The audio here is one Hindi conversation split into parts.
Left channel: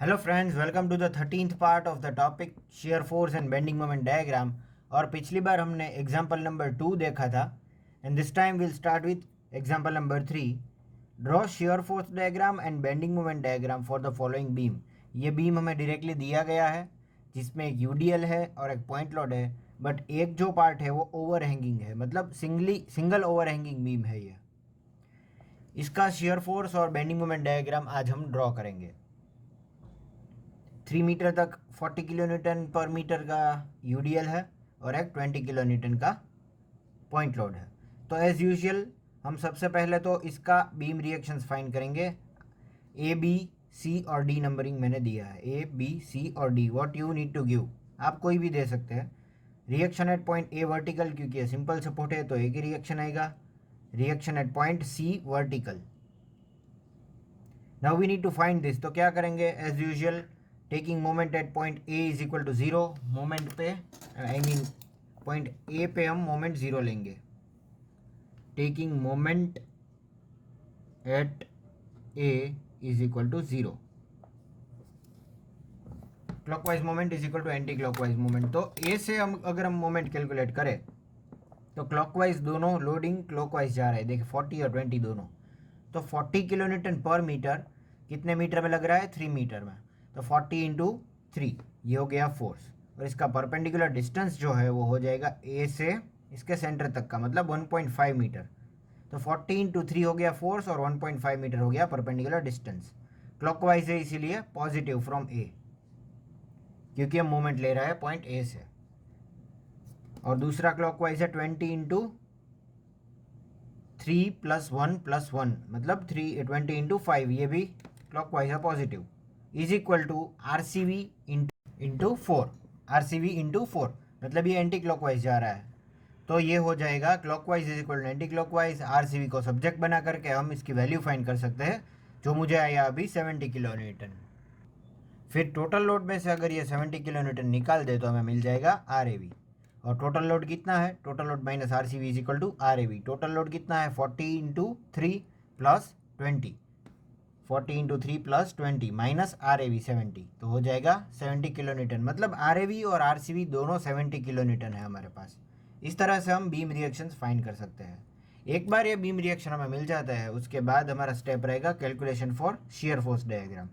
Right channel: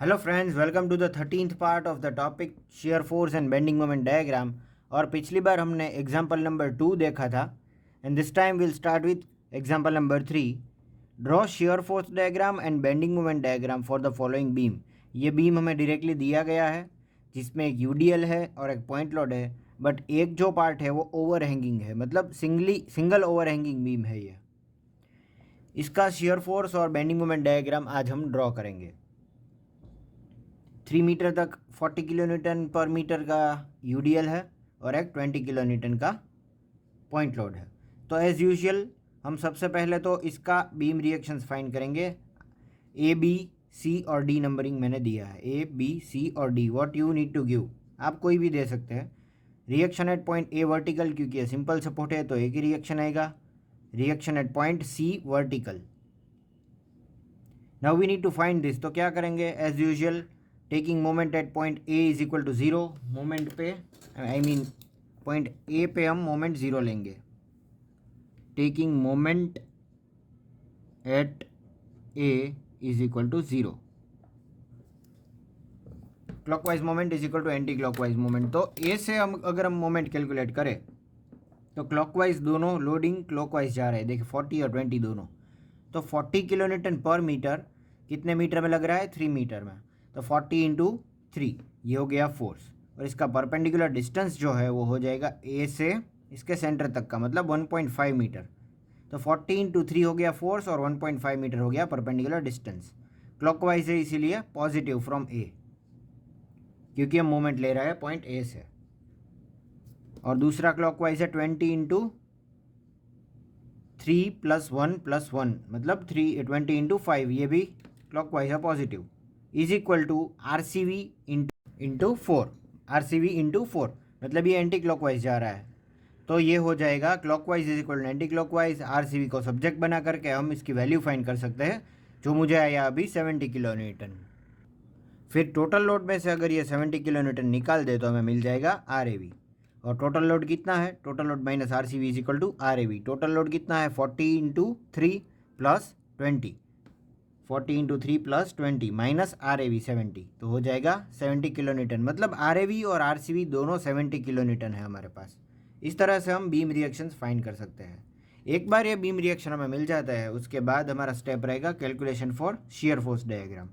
Hello friends, welcome to the 13th part of the topic shear force and bending moment diagram. और पिछली बार हमने एग्जांपल नंबर 2 देखा था and this time will start with example number 3। Draw shear force diagram and bending moment diagram for the following beam. ये बीम हमें डायरेक्टली दिया गया है जिसमें एक यूडीएल है और एक पॉइंट लोड है, बट एक जो पार्ट है वो ओवर हैंगिंग है, मतलब सिंगल ओवर हैंगिंग बीम है ये। इसका शेयर फोर्स और बेंडिंग मोमेंट डायग्राम आज हम ड्रॉ करेंगे। 3 मीटर तक 40 kN/मीटर का यूडीएल है और एक 20 kN का पॉइंट लोड है। तो एज़ यूजुअल हम सबसे पहले तो इसका बीम रिएक्शंस फाइंड करेंगे। ए बी सी और डी नंबरिंग मैंने दिया है, ए बी सी और D. What you need to give, आप कोई भी दे सकते हैं। Reaction at point A vertical, क्योंकि सिंपल सपोर्ट है तो एक ही रिएक्शन आएगा। Reaction at point C vertical. Now we need to find this. तो क्या करेंगे, as usual taking moment at point A is equal to zero. Moment पे पॉइंट ए पे हम मोमेंट ज़ीरो लेंगे। Taking moment at A is equal to zero. Clockwise moment is equal to anti clockwise moment. तो ए से हम अगर हम मोमेंट कैलकुलेट करें तो क्लॉकवाइज दोनों लोडिंग क्लॉकवाइज जा रहे हैं। देखिए 40 और 20 दोनों। तो 40 kN/मीटर कितने मीटर में लग रहा है, 3 मीटर में। तो 40 × 3 ये हो गया फोर्स। और इसका परपेंडिकुलर डिस्टेंस जो है वो हो जाएगा ए से इसके सेंटर तक का, मतलब 1.5 मीटर। तो 40 × 3 हो गया फोर्स और 1.5 मीटर हो गया परपेंडिकुलर डिस्टेंस। क्लॉकवाइज है इसीलिए पॉजिटिव फ्रॉम ए, क्योंकि हम मोमेंट ले रहे हैं पॉइंट ए से। और दूसरा क्लॉकवाइज है 20 × 3 + 1 + 1, मतलब 20 × 5, ये भी क्लॉकवाइज है positive. Is equal to RCV into 4। RCV into 4 मतलब ये एंटी क्लॉकवाइज जा रहा है। तो ये हो जाएगा clockwise is equal to anti clockwise. RCV को सब्जेक्ट बना करके हम इसकी वैल्यू फाइंड कर सकते हैं, जो मुझे आया अभी 70 kN। फिर टोटल लोड में से अगर ये 70 kN निकाल दे तो हमें मिल जाएगा RAV। और टोटल लोड कितना है, total load minus RCV is equal to RAV। Total load कितना है, 40 × 3 + 20। 40 × 3 + 20 माइनस RAV 70, तो हो जाएगा 70 kN। मतलब RAV और RCV दोनों 70 kN है हमारे पास। इस तरह से हम बीम रिएक्शंस फाइंड कर सकते हैं। एक बार ये बीम रिएक्शन हमें मिल जाता है, उसके बाद हमारा स्टेप रहेगा calculation for shear force diagram.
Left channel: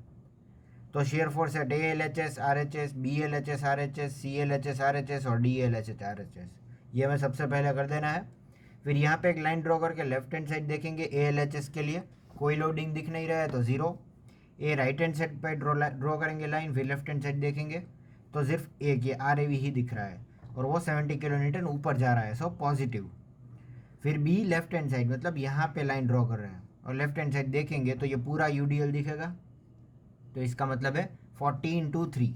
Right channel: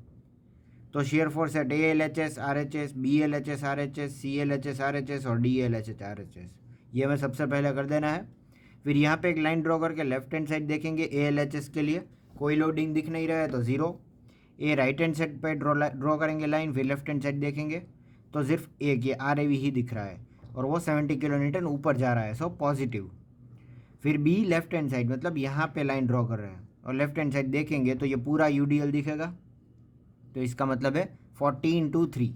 तो शेयर फोर्स है ALHS RHS, BLHS RHS, CLHS RHS और DLHS RHS। ये हमें सबसे पहले कर देना है। फिर यहाँ पे एक लाइन ड्रॉ करके लेफ्ट हैंड साइड देखेंगे ALHS के लिए कोई लोडिंग दिख नहीं रहा है तो ज़ीरो। ए राइट हैंड साइड पे ड्रॉ करेंगे लाइन, फिर लेफ्ट हैंड साइड देखेंगे तो सिर्फ एक ये RAV ही दिख रहा है और वो 70 kN ऊपर जा रहा है, सो पॉजिटिव। फिर बी लेफ्ट हैंड साइड, मतलब यहाँ पे लाइन ड्रॉ कर रहे हैं और लेफ्ट हैंड साइड देखेंगे तो ये पूरा UDL दिखेगा। तो इसका मतलब है 40 × 3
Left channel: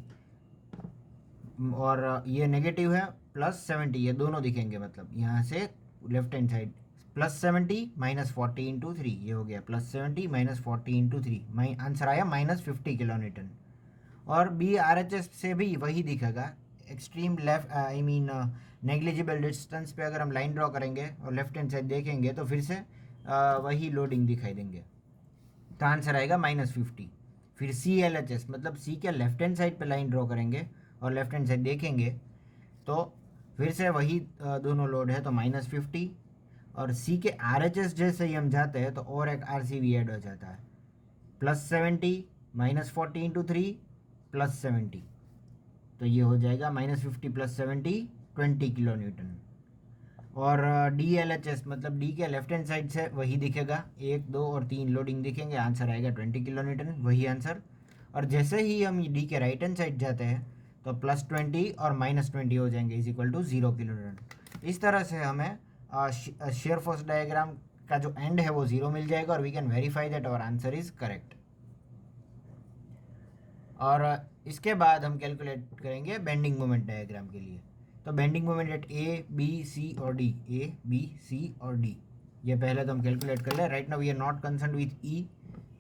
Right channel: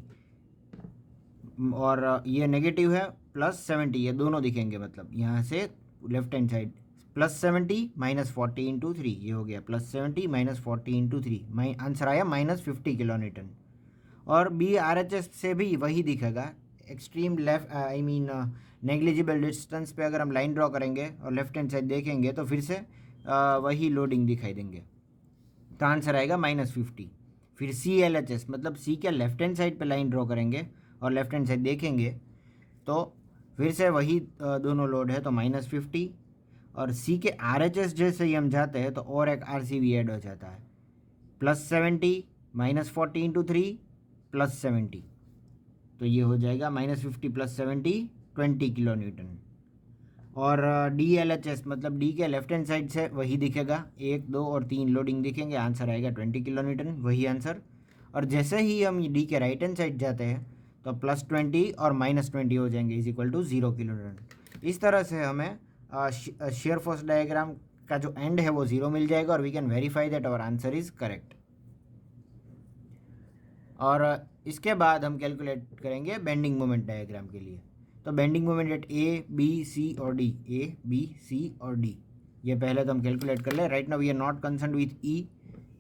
और ये नेगेटिव है +70, ये दोनों दिखेंगे। मतलब यहाँ से लेफ्ट हैंड साइड +70 - 40 × 3, ये हो गया +70 - 40 × 3। आंसर आया -50 kN। और बी RHS से भी वही दिखेगा। एक्सट्रीम लेफ्ट नेग्लिजिबल डिस्टेंस पे अगर हम लाइन ड्रॉ करेंगे और लेफ्ट हैंड साइड देखेंगे तो फिर से वही लोडिंग दिखाई देंगे। तो आंसर आएगा -50। फिर CLHS, मतलब सी के लेफ्ट हैंड साइड पे लाइन ड्रॉ करेंगे और लेफ्ट हैंड साइड देखेंगे तो फिर से वही दोनों लोड है तो -50। और सी के RHS जैसे ही हम जाते हैं तो और एक RCV ऐड हो जाता है, +70 - 40 × 3 +70। तो ये हो जाएगा -50 + 70 20 kN। और DLHS, मतलब डी के लेफ्ट हैंड साइड से वही दिखेगा, 1 2 और 3 लोडिंग दिखेंगे, आंसर आएगा 20 kN, वही आंसर। और जैसे ही हम डी के राइट हैंड साइड जाते हैं तो +20 और -20 हो जाएंगे इज इक्वल टू 0 kN। इस तरह से हमें शेयर फोर्स डायग्राम का जो एंड है वो 0 मिल जाएगा और we can verify that our answer is correct. और इसके बाद हम कैलकुलेट करेंगे बेंडिंग मोमेंट डायग्राम के लिए। तो bending moment at A B C और D, A B C और D, ये पहले तो हम कैलकुलेट कर ले। Right now we are not concern with E,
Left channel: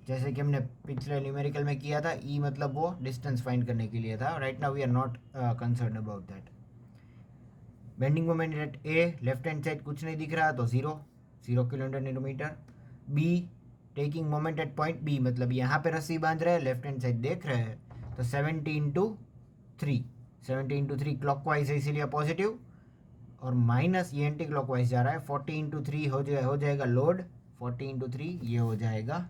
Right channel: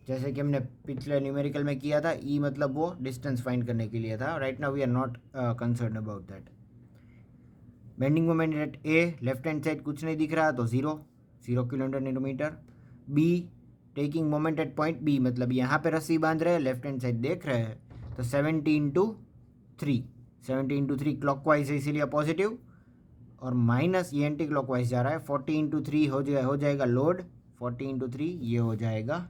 जैसे कि हमने पिछले न्यूमेरिकल में किया था। E मतलब वो डिस्टेंस फाइंड करने के लिए था। Right now we are not concern about that. Bending moment at A, left hand side कुछ नहीं दिख रहा तो 0 kN/मीटर। B taking moment at point B, मतलब यहाँ पे रस्सी बांध रहे हैं, लेफ्ट हैंड साइड देख रहे हैं तो 70 इंटू थ्री क्लॉकवाइज है इसीलिए पॉजिटिव, और माइनस ये एंटी क्लॉकवाइज जा रहा है, 40 इंटू थ्री हो जाएगा लोड, 40 इंटू थ्री ये हो जाएगा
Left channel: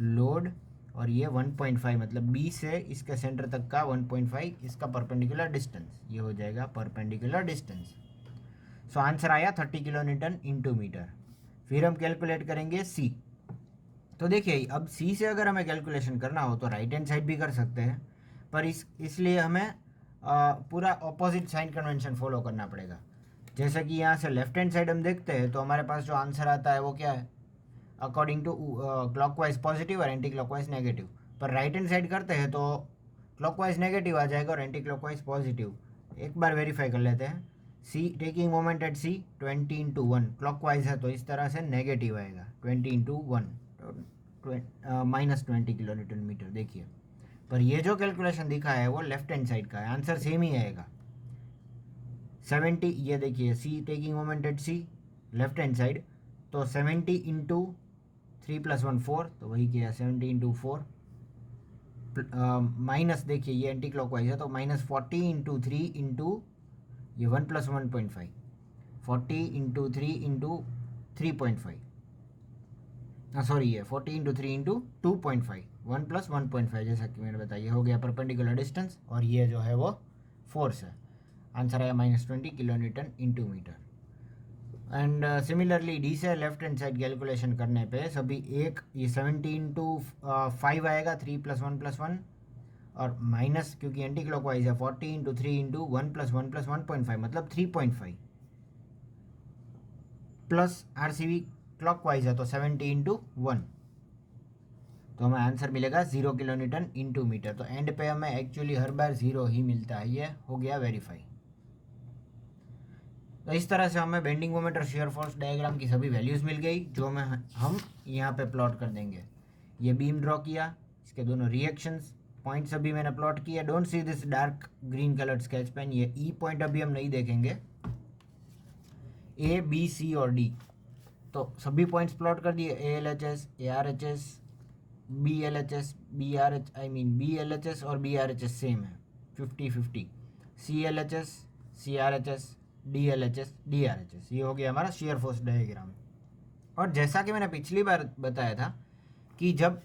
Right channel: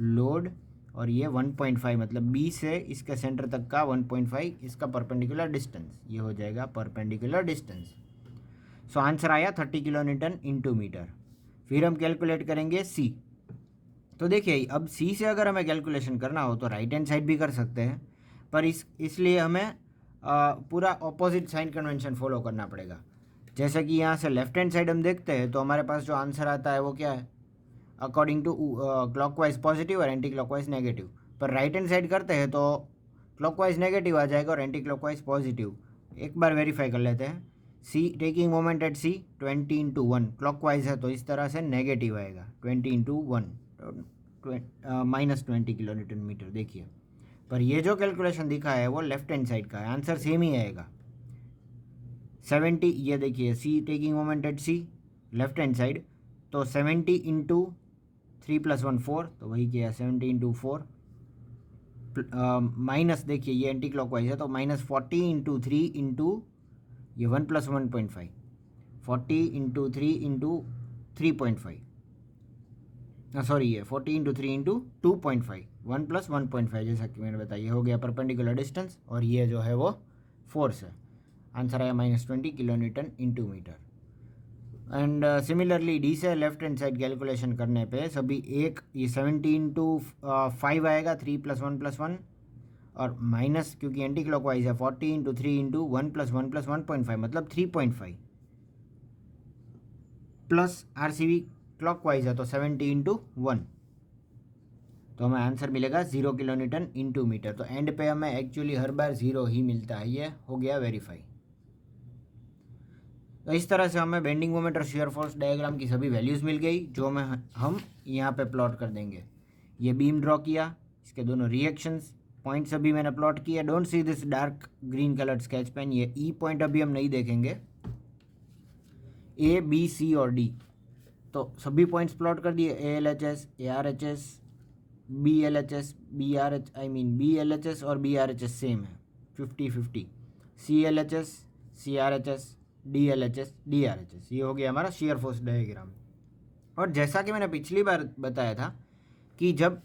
लोड, और ये 1.5 मतलब बी से इसके सेंटर तक का 1.5 इसका परपेंडिकुलर डिस्टेंस, ये हो जाएगा परपेंडिकुलर डिस्टेंस। सो आंसर आया 30 किलो न्यूटन इंटू मीटर। फिर हम कैलकुलेट करेंगे सी। तो देखिए अब सी से अगर हमें कैलकुलेशन करना हो तो राइट हैंड साइड भी कर सकते हैं, पर इसलिए हमें पूरा ऑपोजिट साइन कन्वेंशन फॉलो करना पड़ेगा। जैसे कि यहाँ से लेफ्ट हैंड साइड हम देखते हैं तो हमारे पास जो आंसर आता है वो क्या है, अकॉर्डिंग टू क्लॉकवाइज पॉजिटिव और एंटी क्लॉकवाइज नेगेटिव। पर राइट हैंड साइड करते हैं तो क्लॉकवाइज नेगेटिव आ जाएगा और एंटी क्लॉकवाइज पॉजिटिव। एक बार वेरीफाई कर लेते हैं। C taking moment at C 20 into one, clockwise है तो इस तरह से नेगेटिव आएगा 20 into one, -20 kilo newton metre. देखिए पर ये जो कैलकुलेशन दिखा है वो लेफ्ट हैंड साइड का है, आंसर सेम ही आएगा 70। ये देखिए C taking moment at C left hand side, तो 70 इंटू 3 + 1 4, तो वही किया 70 इंटू 4, माइनस देखिए ये एंटी क्लॉकवाइज है तो -40 इंटू 3 इंटू ये 1 + 1.5, 40 इंटू 3 इंटू 3.5, सॉरी ये 40 इंटू 3 इंटू 2.5, 1 + 1.5 जैसा कि मैंने बताया, हो गया परपेंडिकुलर डिस्टेंस, और ये जो है वो फोर्स है। आंसर आया -20 kilo newton into metre. And similarly D से लेफ्ट हैंड साइड कैलकुलेशन करने पे सभी एक ये 70 इंटू 5 आएगा, 3 + 1 + 1, और माइनस क्योंकि एंटी क्लॉकवाइज है 40 इंटू 3 इंटू 1 + 1 + 1.5 मतलब 3.5, प्लस RCV क्लॉकवाइज है तो 70 इंटू 1, तो हमें आंसर मिलेगा 0 किलो न्यूटन इंटू मीटर। तो एंड पे हमें एक्चुअली हर बार 0 ही मिलता है, ये हो गया वेरीफाई। तो इस तरह से हमें बेंडिंग मोमेंट और शियर फोर्स डायग्राम की सभी वैल्यूज़ मिल गई, जो हम यहाँ पे प्लॉट कर देंगे। ये बीम ड्रॉ किया, इसके दोनों रिएक्शंस पॉइंट्स अभी मैंने प्लॉट किया। Don't see this dark green coloured sketch pen, ये ई पॉइंट अभी हम नहीं देखेंगे, A B C और D, तो सभी पॉइंट्स प्लॉट कर दिए, ALHS ARHS BLHS BRH I mean BLHS और BRHS सेम है 50-50, CLHS CRHS DLHS DRHS, ये हो गया हमारा शेयर फोर्स डायग्राम। और जैसा कि मैंने पिछली बार बताया था कि जब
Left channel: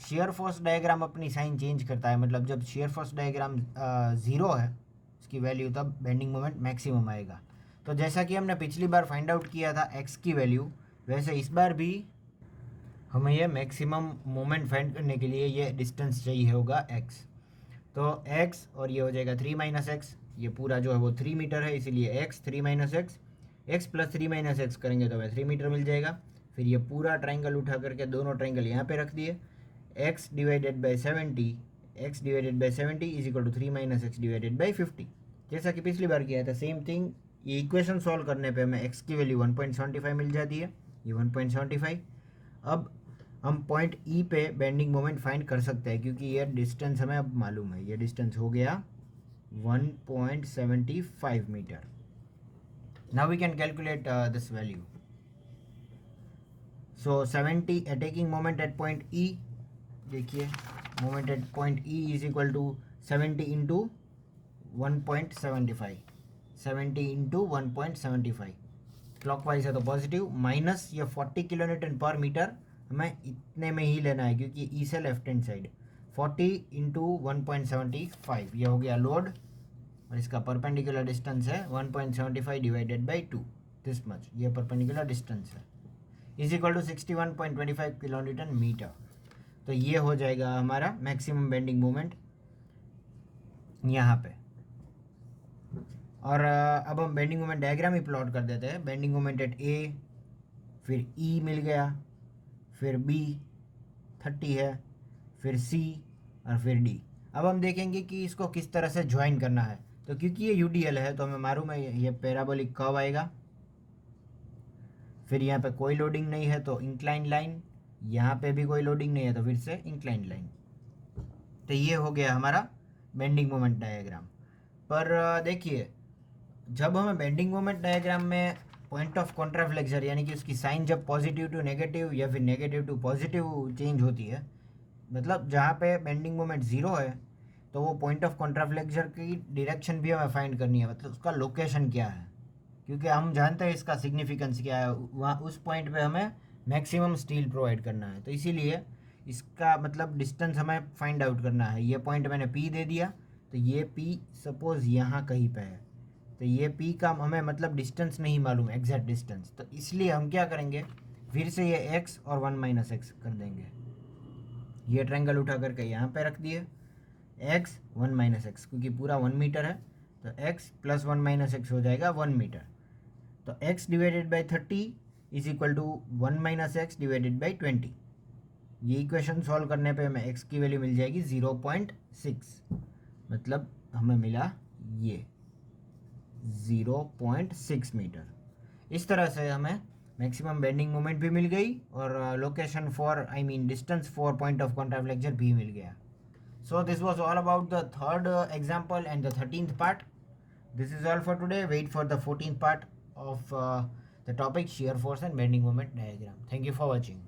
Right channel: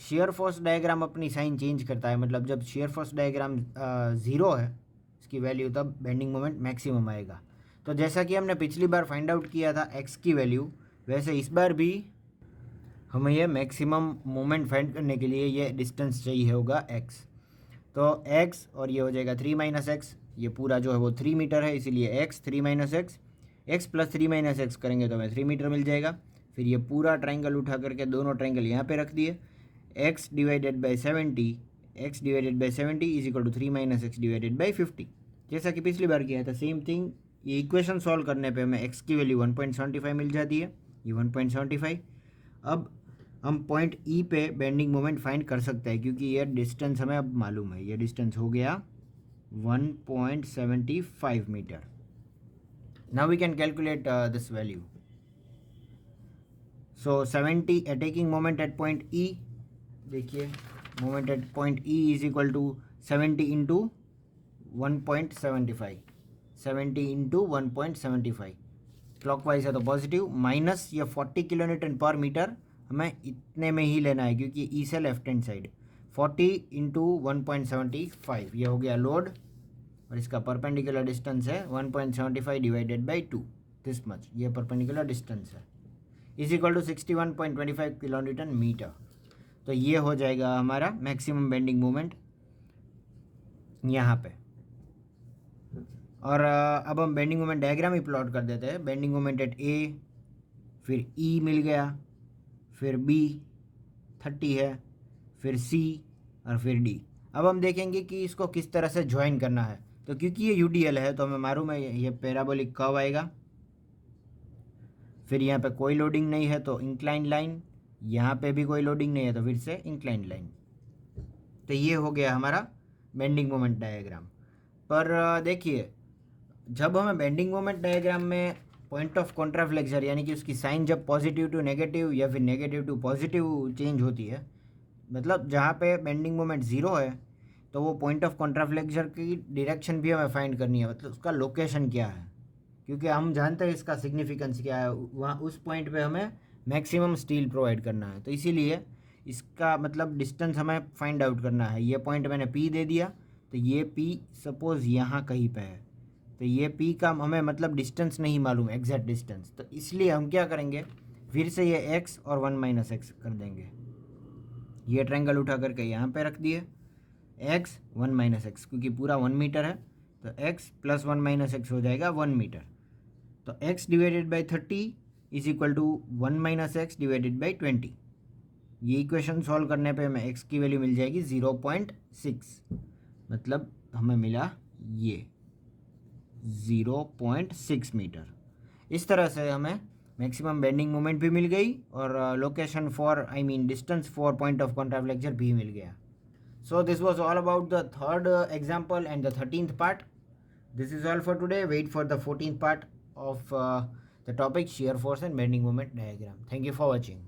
शेयर फोर्स डायग्राम अपनी साइन चेंज करता है, मतलब जब शेयर फोर्स डायग्राम 0 है उसकी वैल्यू, तब बेंडिंग मोमेंट मैक्सिमम आएगा। तो जैसा कि हमने पिछली बार फाइंड आउट किया था x की वैल्यू, वैसे इस बार भी हमें यह मैक्सिमम मोमेंट फाइंड करने के लिए ये डिस्टेंस चाहिए होगा x। तो x और ये हो जाएगा 3 - x, ये पूरा जो है वो 3 मीटर है, इसीलिए x 3 - x, x + 3 - x करेंगे तो हमें 3 मीटर मिल जाएगा। फिर ये पूरा ट्राइंगल उठा करके दोनों ट्राइंगल यहाँ पे रख दिए, x / 70 = 3 - x / 50, जैसा कि पिछली बार किया था सेम थिंग। ये इक्वेशन सॉल्व करने पे हमें x की वैल्यू 1.75 मिल जाती है, ये 1.75। अब हम पॉइंट E पे बेंडिंग मोमेंट फाइंड कर सकते हैं क्योंकि ये डिस्टेंस हमें अब मालूम है, ये डिस्टेंस हो गया 1.75 metre. Now we can calculate this value. So 70 taking moment at point E, देखिए moment at point E = 70 into 1.75, 70 into 1.75, clockwise है तो पॉजिटिव, माइनस ये 40 किलो न्यूटन पर मीटर हमें इतने में ही लेना है क्योंकि ई से लेफ्ट हैंड साइड, 40 इंटू 1.75, ये हो गया लोड, और इसका परपेंडिकुलर डिस्टेंस है 1.75 डिवाइडेड बाई 2, दिस मच, ये परपेंडिकुलर डिस्टेंस है, = 61.25 किलो न्यूटन मीटर। तो ये हो जाएगा हमारा मैक्सिमम बेंडिंग मोमेंट यहाँ पे। और अब हम बेंडिंग मोमेंट डायग्राम ही प्लॉट कर देते हैं। बेंडिंग मोमेंट एट A, फिर E मिल गया, फिर B 30 है, फिर C और फिर D। अब हम देखेंगे कि इसको किस तरह से ज्वाइन करना है। तो क्योंकि ये UDL है तो हमें मालूम है ये पैराबोलिक कर्व आएगा, फिर यहाँ पे कोई लोडिंग नहीं है तो इंक्लाइन लाइन, यहाँ पे भी कोई लोडिंग नहीं है तो फिर से इंक्लाइन लाइन। तो ये हो गया हमारा बेंडिंग मोमेंट डायग्राम। पर देखिए जब हमें बेंडिंग मोमेंट डायग्राम में पॉइंट ऑफ कॉन्ट्राफ्लेक्सर यानी कि उसकी साइन जब पॉजिटिव टू नेगेटिव या फिर नेगेटिव टू पॉजिटिव चेंज होती है, मतलब जहाँ पे बेंडिंग मोमेंट 0 है तो वो पॉइंट ऑफ कॉन्ट्राफ्लेक्चर की डायरेक्शन भी हमें फाइंड करनी है, मतलब उसका लोकेशन क्या है, क्योंकि हम जानते हैं इसका सिग्निफिकेंस क्या है, वहाँ उस पॉइंट पे हमें मैक्सिमम स्टील प्रोवाइड करना है। तो इसीलिए इसका मतलब डिस्टेंस हमें फाइंड आउट करना है। ये पॉइंट मैंने पी दे दिया, तो ये पी सपोज़ यहाँ कहीं पे है, तो ये पी का हमें मतलब डिस्टेंस नहीं मालूम, एग्जैक्ट डिस्टेंस, तो इसलिए हम क्या करेंगे, फिर से ये एक्स और 1 माइनस एक्स कर देंगे। ये ट्रायंगल उठा करके यहाँ पे रख दिए, एक्स 1 माइनस एक्स, क्योंकि पूरा 1 मीटर है, तो एक्स प्लस 1 माइनस एक्स हो जाएगा 1 मीटर। तो x divided by 30 is equal to 1 minus x divided by 20। ये इक्वेशन सॉल्व करने पे हमें x की वैल्यू मिल जाएगी 0.6, मतलब हमें मिला ये 0.6 मीटर। इस तरह से हमें मैक्सिमम बेंडिंग मोमेंट भी मिल गई और location for distance for point of contraflexure भी मिल गया। So this was all about the third example and the 13th part. This is all for today. Wait for the 14th part of the topic shear force and bending moment diagram. Thank you for watching.